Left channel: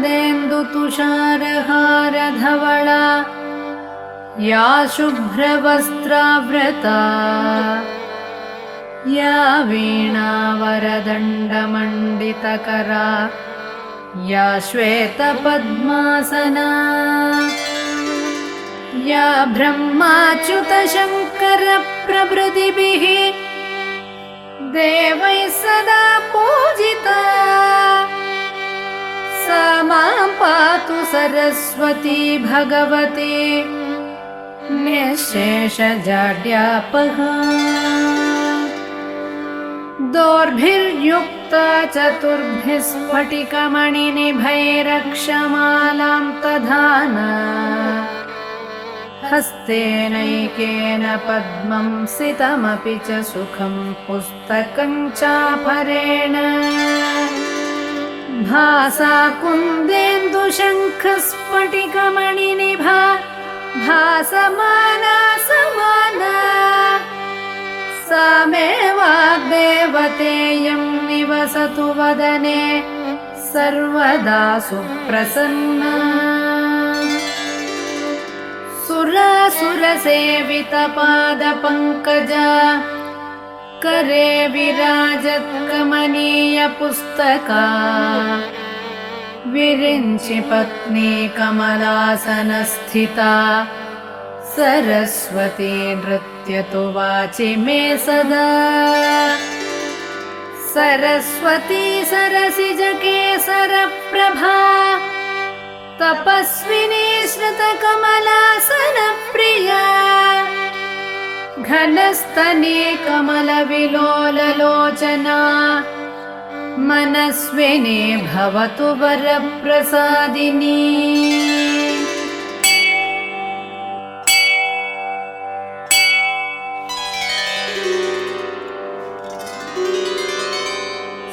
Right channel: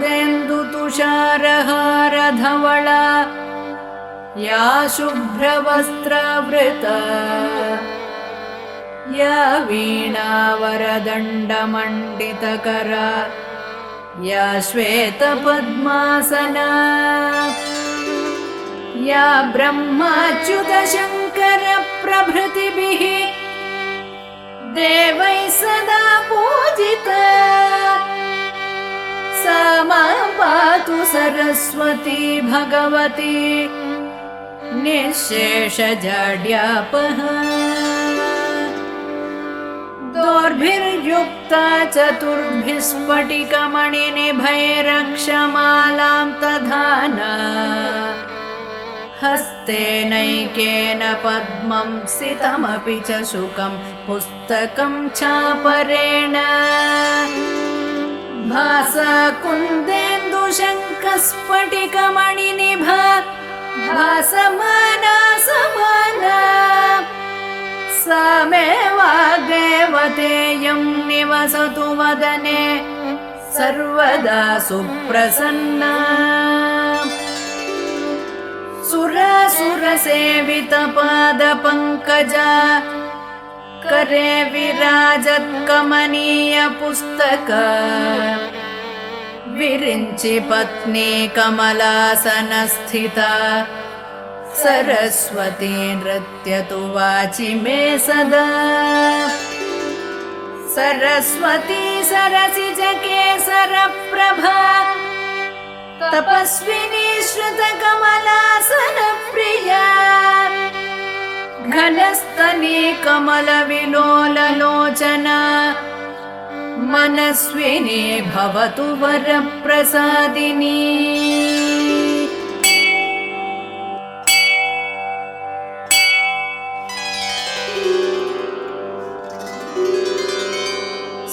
कुन्देन्दुतुषारहारधवला या शुभ्रवस्त्रावृता या वीणावरदण्डमण्डितकरा या श्वेतपद्मासना या ब्रह्माच्युतशङ्करप्रभृतिभिः देवैः सदा पूजिता सा मां पातु सरस्वती भगवती निःशेषजाड्यापहा। दोर्भिर्युक्ता चतुर्भिः स्फटिकमणिनिभैरक्षमालां दधाना हस्तेनैकेन पद्मं सितमपि च शुकं पुस्तकं चापरेण भासा कुन्देन्दुशङ्खस्फटिकमणिनिभा भासमाना समाना सा मे वाग्देवतेयं निवसतु वदने सर्वदा सुप्रसन्ना। सुरासुरसेवितपादपङ्कजा करे विराजत्कमनीयपुस्तका विरिञ्चि पत्नी कमलासनस्थिता सरस्वती नृत्यतु वाचि मे सदा। सरस्वती सरसिजकेसरप्रभा तपस्विनी श्रुतकमलासनप्रिया घनस्तनी कमलविलोललोचना मनस्विनी भवतु वरप्रसादिनी।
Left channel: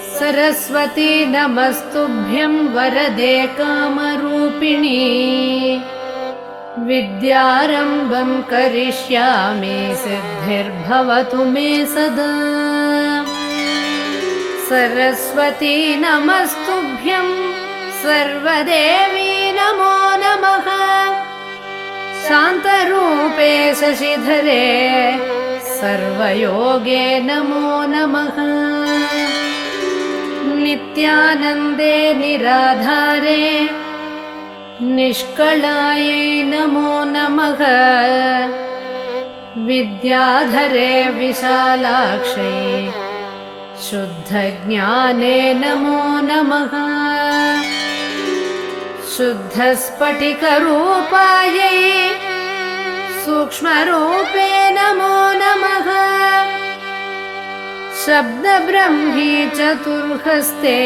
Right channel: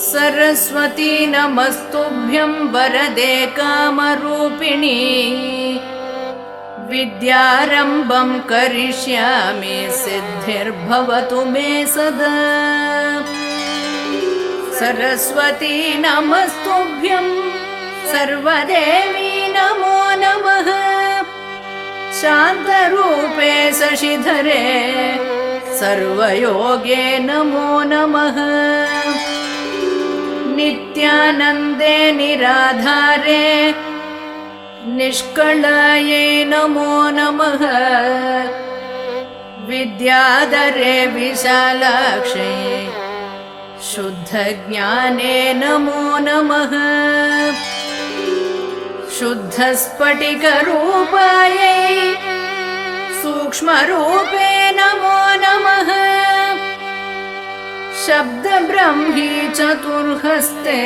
सरस्वती नमस्तुभ्यं वरदे कामरूपिणी विद्यारम्भं करिष्यामि सिद्धिर्भवतु मे सदा। सरस्वती नमस्तुभ्यं सर्वदेवी नमो नमः। शान्तरूपे शशिधरे सर्वयोगे नमो नमः। नित्यानन्दे निराधारे निष्कलायै नमो नमः। विद्याधरे विशालाक्षै शुद्धज्ञाने नमो नमः। शुद्धस्फटिकरूपायै सूक्ष्मरूपे नमो नमः। शब्दब्रह्मी चतुर्हस्ते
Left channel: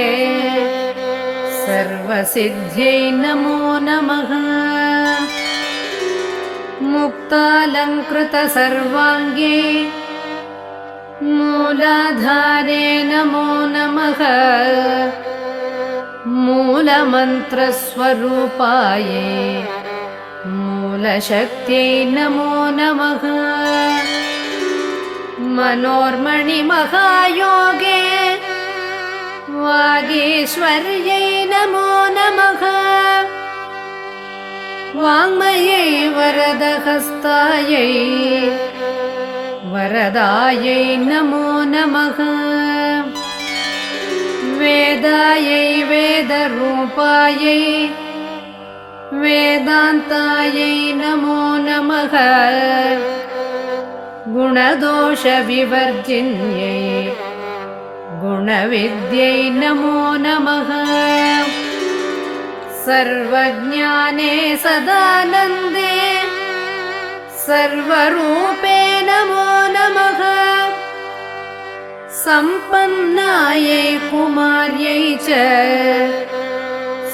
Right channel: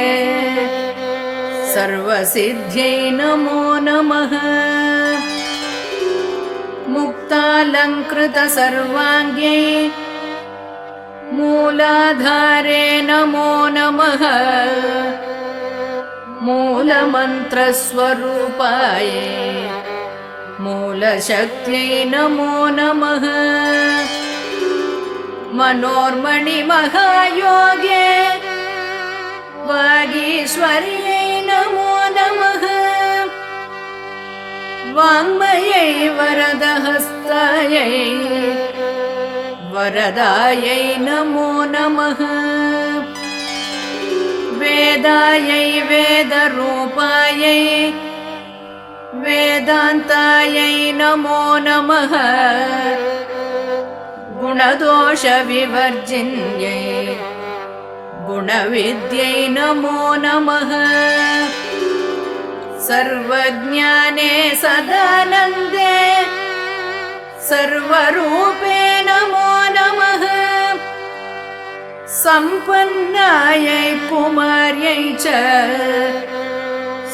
सर्वसिद्ध्यै नमो नमः। मुक्तालङ्कृतसर्वाङ्गे मूलाधारे नमो नमः। मूलमन्त्रस्वरूपायै मूलशक्त्यै नमो नमः। मनोर्मणिमहायोगे वागीश्वर्यै नमो नमः। वाङ्मयै वरदहस्तायै वरदायै नमो नमः। वेदायै वेदरूपायै वेदान्तायै नमो नमः। गुणदोषविवर्जिन्यै गुणविद्यै नमो नमः। सर्वज्ञाने सदानन्दे सर्वरूपे नमो नमः। सम्पन्नायै कुमार्यै च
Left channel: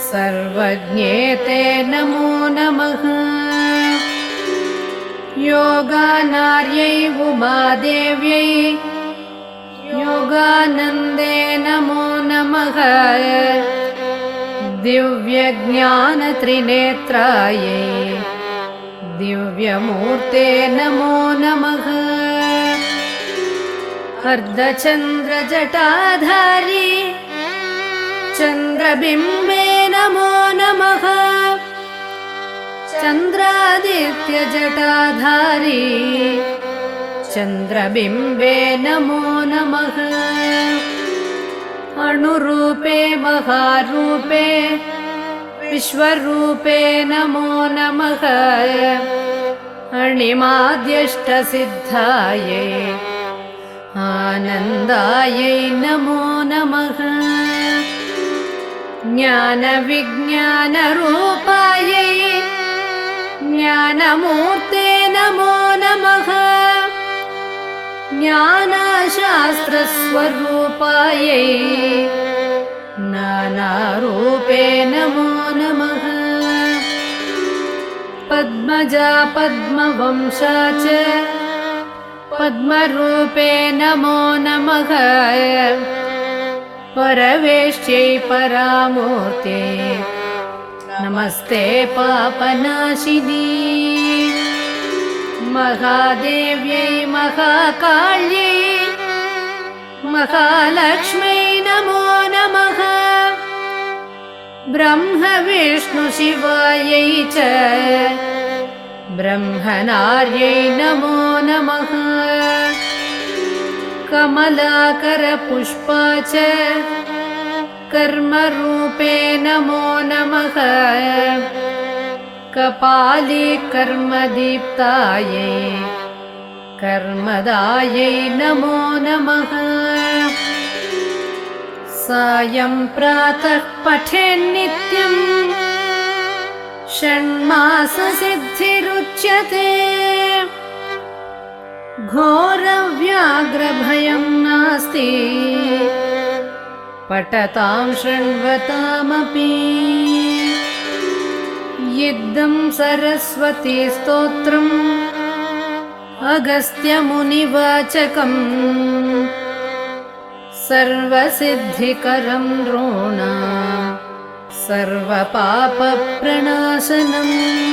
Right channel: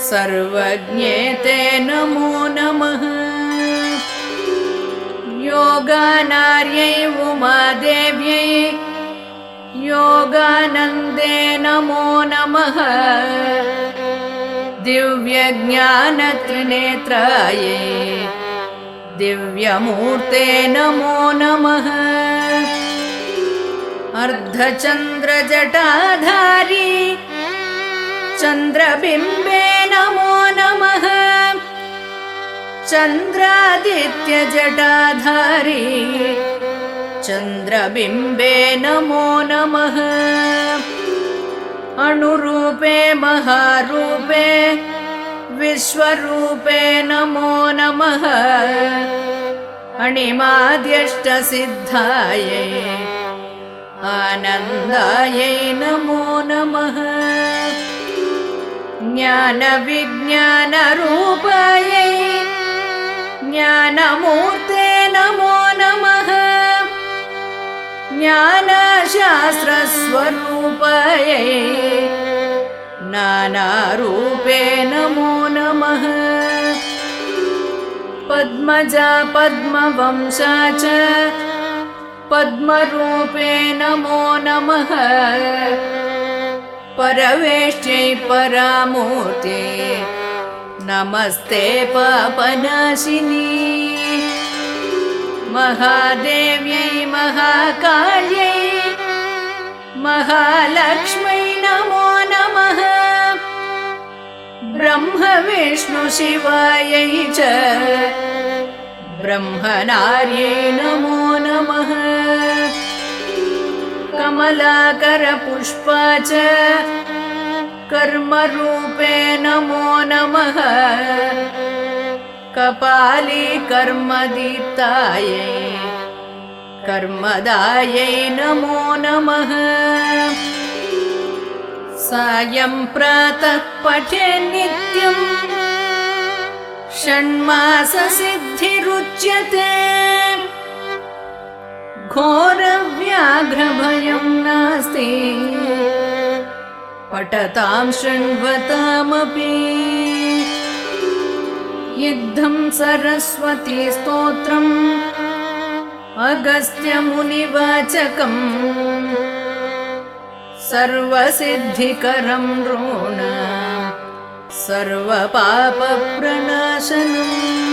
सर्वज्ञेते नमो नमः। योगानार्यै उमादेव्यै योगानन्दे नमो नमः। दिव्यज्ञानत्रिनेत्रायै दिव्यमूर्ते नमो नमः। अर्धचन्द्रजटाधारी चन्द्रबिम्बे नमो नमः चन्द्रादित्यजटाधारी चन्द्रबिम्बे नमो नमः अणुरूपे महारूपे विश्वरूपे नमो नमः अणिमाद्यष्टसिद्धायै आनन्दायै नमो नमः ज्ञानविज्ञानरूपायै ज्ञानमूर्ते नमो नमः ज्ञानशास्त्रस्वरूपायै नानारूपे नमो नमः पद्मजा पद्मवंशा च पद्मरूपे नमो नमः परवेष्ट्यै परामूर्ते नमस्ते पापनाशिनी महादेव्यै महाकाल्यै महालक्ष्म्यै नमो नमः ब्रह्म विष्णु शिवायै च ब्रह्मणार्यै नमो नमः कमलाकरपुष्पा च कर्मरूपे नमो नमः कपाली कर्मदीप्तायै कर्मदायै नमो नमः सायं प्रातः पठेन्नित्यं षण्माससिद्धिरुच्यते घोरव्याघ्रभयं नास्ति पठतां शृण्वतामपि इद्धं सरस्वती स्तोत्रम् अगस्त्यमुनिवाचकम् सर्वसिद्धिकरं नृणां सर्वपापप्रणाशनम्